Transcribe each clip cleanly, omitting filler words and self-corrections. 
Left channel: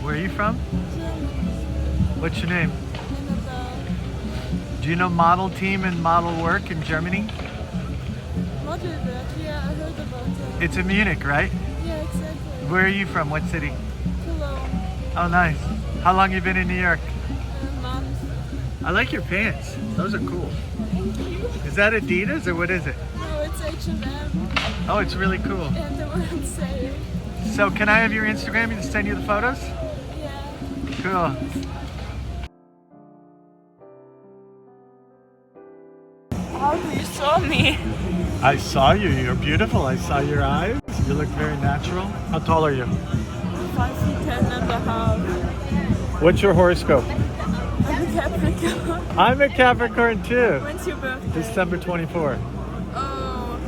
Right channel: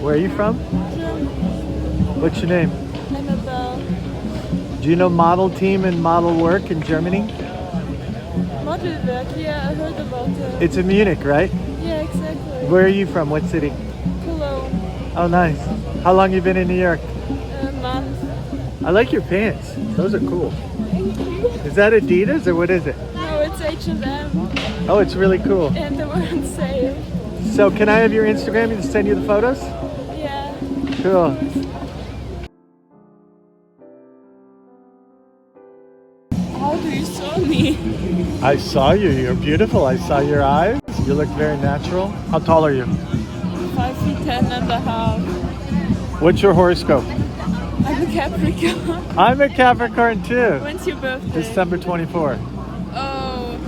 Where are you from? What's your name? Annabelle. Do you know model team and model work in Germany? Model work, yeah, I heard about it. It's in Munich, right? Yeah, exactly. Where are you from? What city? Cologne. Oh, nice. How long you been in New York? A month. I like your pants. Those are cool. Thank you. Is that Adidas or what is it? No, it's H&M. Oh, it's really cool. And the one sale. So can I have your Instagram and send you the photos? Yeah. Cool. How do you saw me? I saw you. You're beautiful. I saw your eyes. You look very natural. How tall are you? 5'10.5". What's your horoscope? I'm a Capricorn. I'm a Capricorn too. When's your birthday? December 24th. Oh,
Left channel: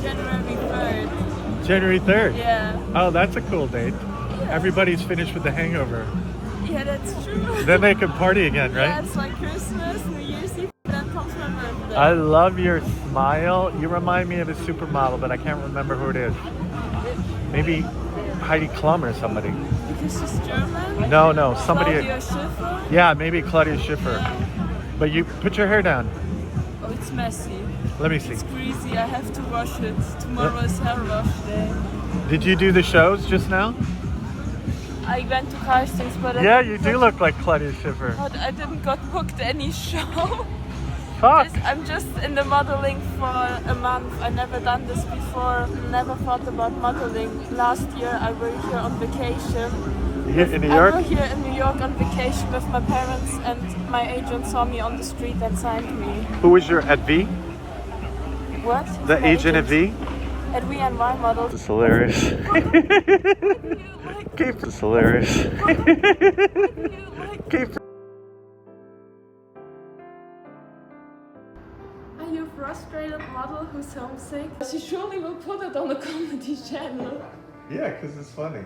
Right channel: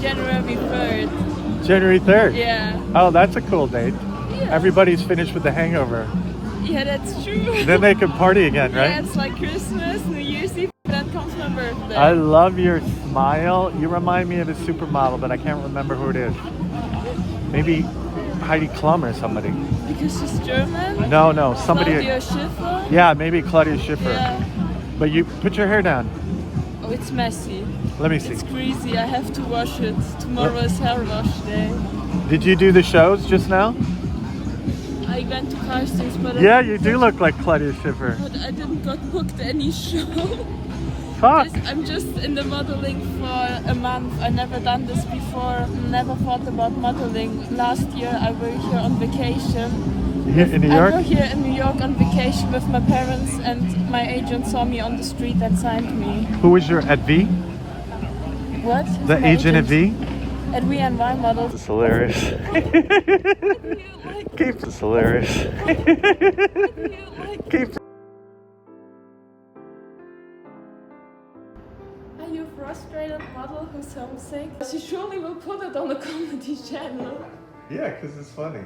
January 3rd. January 3rd? Yeah. Oh, that's a cool date. Yeah. Everybody's finished with the hangover. Yeah, that's true. Then they can party again, right? Yeah, it's like Christmas, New Year's Eve, then comes my birthday. I love your smile. You remind me of a supermodel, but I can't remember who it is. Maybe Heidi Klum or somebody. Because she's German? No, somebody. Claudia Schaeffer? Yeah, maybe Claudia Schaeffer. Yeah. But you put your hair down. Oh, it's messy. Let me see. It's greasy. I have to wash it. Tomorrow is hair wash day. Did you do the shows just now? I went to castings, but Yeah, you do look like Claudia Schiffer. But I didn't got booked any show. Fuck. I'm just in the modeling for a month. I never done this before. Never thought about modeling. Last year I were here on vacation. Yes, in New I York? were here in New York on vacation with my parents, and my agent saw me on the street and signed me. Who was your at V? What? Who's The my agent at V? At V&Y models. That's hilarious. That's hilarious. Are you a frustrated model who's homesick? She surely will put it on the comedy channel. Yeah, because it's funny.